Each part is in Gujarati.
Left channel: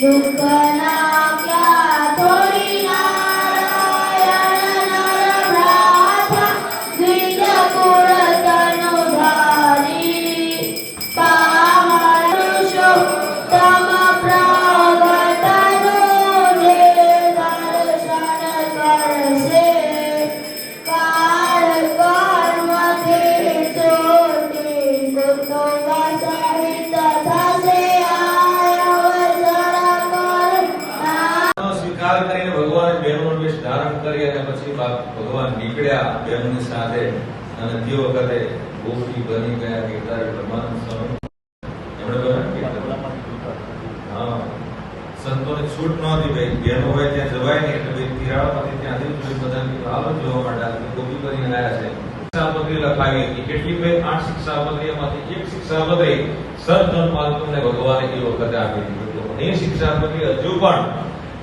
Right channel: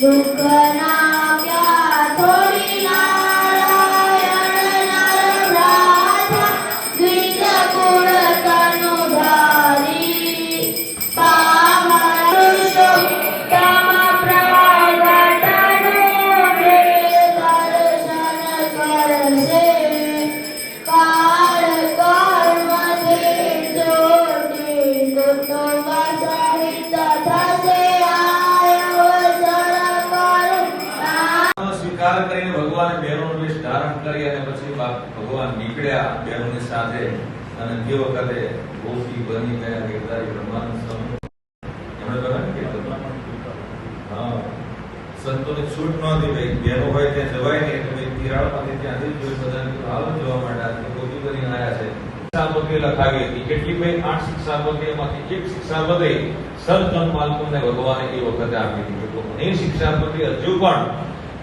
દુઃખના ક્યાં થોડી નારાયણ નર ભ્રાતા દ્વિજ કુળ તનુધારી પામર પુરુષોત્તમ પ્રગટનો રે દર્શન કરશે કાળ કર્મથી ચોટી કુટુંબ સહિત થશે સ્વીકાર કરીને ભગવાન બહેનોનો વેશ ધારણ કરી અને પછી ભગવાન નીકળ્યા બહેનોની સાથે અને તે વખતે ગોપી બની ગયા ગીતારી બ્રહ્માનંદ સ્વામી એમણે બધા સંતોને છૂટ નહોતી ભાઈ બહેનો હોય ત્યાં જવાય નહીં એટલે ભાઈ તિરાડમાંથી ત્યાંથી જ બધાની હાલત જોવા માટે આજે ગોપી બની રહ્યા છે શિક્ષાપત્રી લખાવી હતી કેટલીક ભાઈ 8 શિક્ષાપત્રીમાંથી એક શિક્ષાપત્રી સર્જન પાલતુને ભગવાને એ વખતે આપી દીધું એ શિક્ષાપત્રી હજુ પણ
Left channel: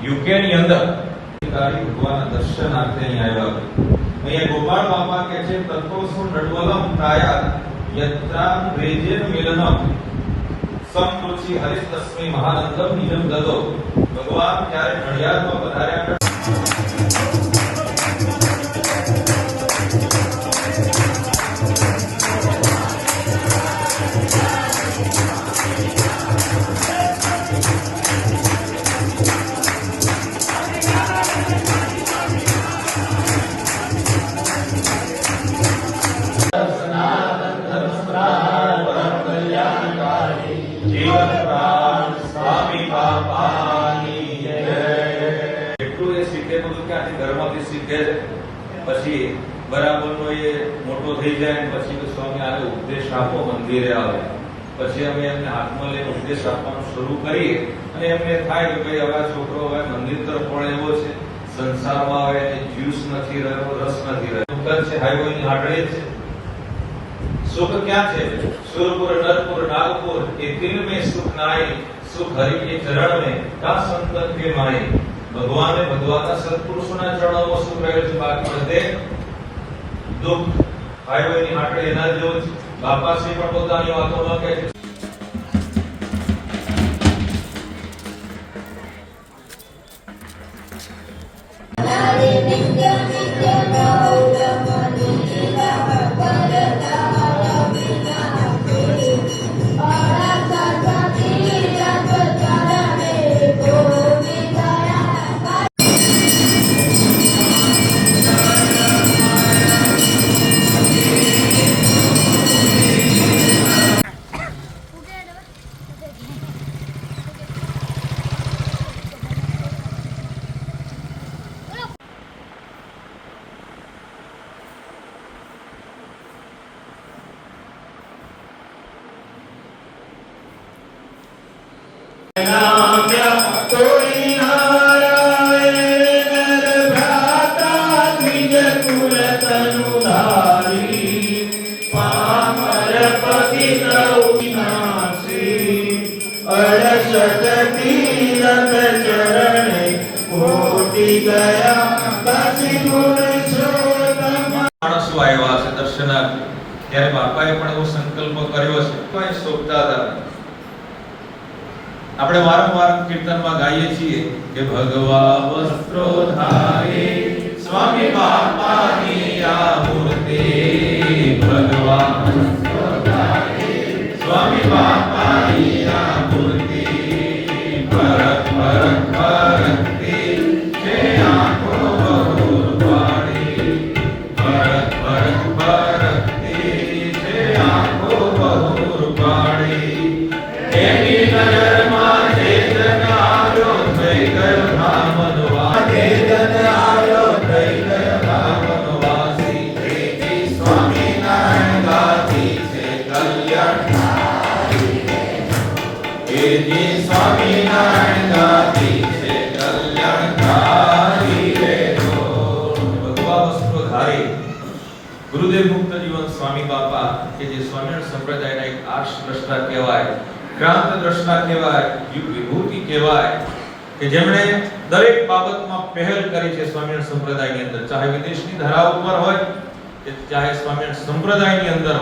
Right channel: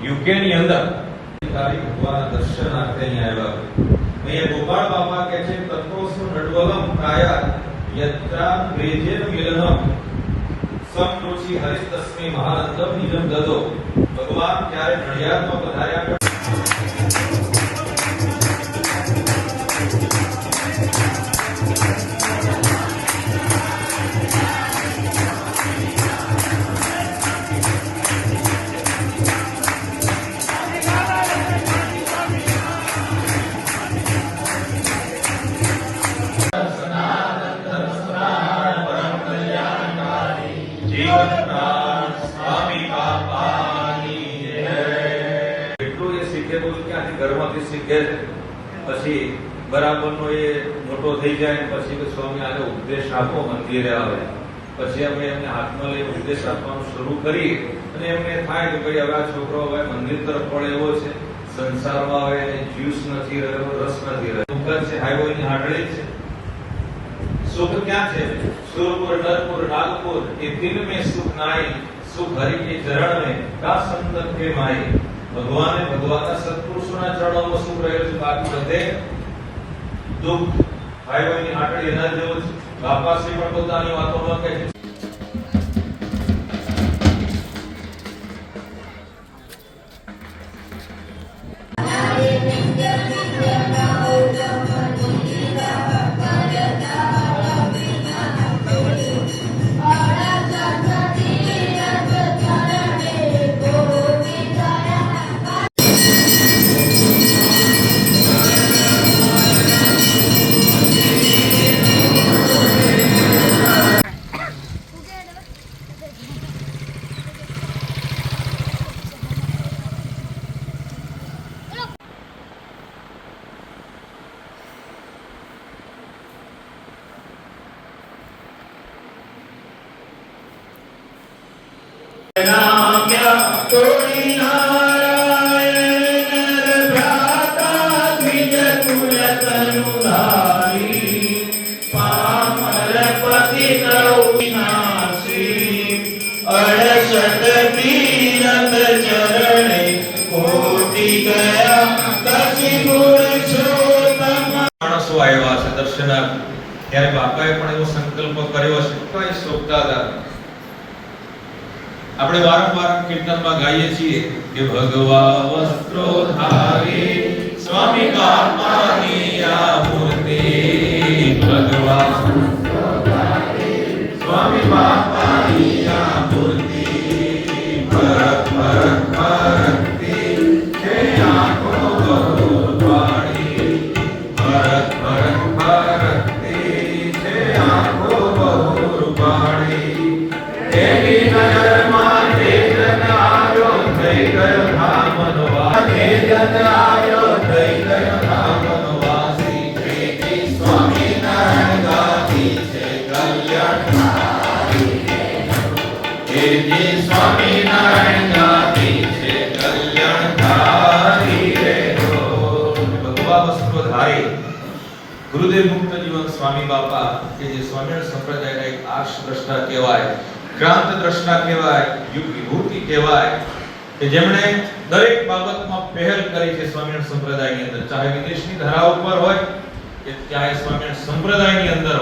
યુકેની અંદર ભગવાનના દર્શનાર્થે અહીં આવ્યા અહીંયા ગોપાળ બાપા કહે છે તત્રોસ્વ નડવલમ કાયા યત્રા ગ્રેજેન મિલનમ સમૃષિ હરિતસ્મૈ મહાનંદમ નિજમ દતો ભગવાન જ્યારે નડિયાદમાં પધાર્યા સ્વામી બાપાની એટલું એ શીખેલું ક્યાંથી ઘરમાંથી શીખે પછી બરાબરનો એ મોટો થઈ જાય પછી સ્વામી આવે ઉપદેશ આપો મંદિરે આવે પછી અમે એમને હાથમાં લઈને ઉપદેશ આપવાનું શરૂ કરી અને એમને થાય કે ભાઈ હવે છોકરો હવે મંદિર તરફ પણ એવો છે સંસારમાં આવે જ્યુસ નથી રહ્યો રસ નથી રહ્યો દુકાન છે હાઈવેની હાડળે છે सुख क्या है सुरपुर नरपुर नागपुर ये दिल में सुख नाई सुख हरि के चरण में का संतन के माई भगवान भगवाना सत्पुरुषोना चरणों सुख रहेल છે બાકી બધે દુઃખ ભાઈઓની માટે એના જેવો બાપાશ્રી પણ પોતાની વાતોમાં કહે છે ત્યારે બાપાએ પણ એવો સંકલ્પ કર્યો છે કોઈ સોચતા હતા આપણે વારંવાર કીર્તનમાં ગાઈએ છીએ કે ભગવા વસ્ત્રો ધારી સ્વામી બાપાની આ મૂર્તિ ભગવા વસ્ત્રો ધારી સ્વામી બાપાની આ મૂર્તિ પરત પરત પરતી છે આંખો બહુ વાળી પરત પરત પરતી છે આંખો બહુ રૂપાળી એની નજરમાં તેજન આવ્યો થઈ ગયો ધામનવા તેજન આવ્યો થઈ ગયો ધામનવાસી પ્રેમી સ્વામી નારાયણ ગાતી છે કલ્યાણકારી એની સ્વામી નારાયણ ગાતી છે કલ્યાણકારી રે ભગવા વસ્ત્રો ધારી ગુરુદેવ મુક્ત જીવન સ્વામી બાપા કે જે સ્વામિનારાયણ સંપ્રદાયના એક આર્ષ દ્રષ્ટા કહેવાય ક્રાંત દ્રષ્ટા કહેવાય યુગ વિભૂતિ કહેવાય કે જેમણે દરેક બાબતમાં પહેલ કરી છે સ્વામિનારાયણ સંપ્રદાયની અંદર ચાહે વિદેશની ધરા ઉપર હોય કે ચાહે સ્વામિનારાયણ સંપ્રદાયની અંદર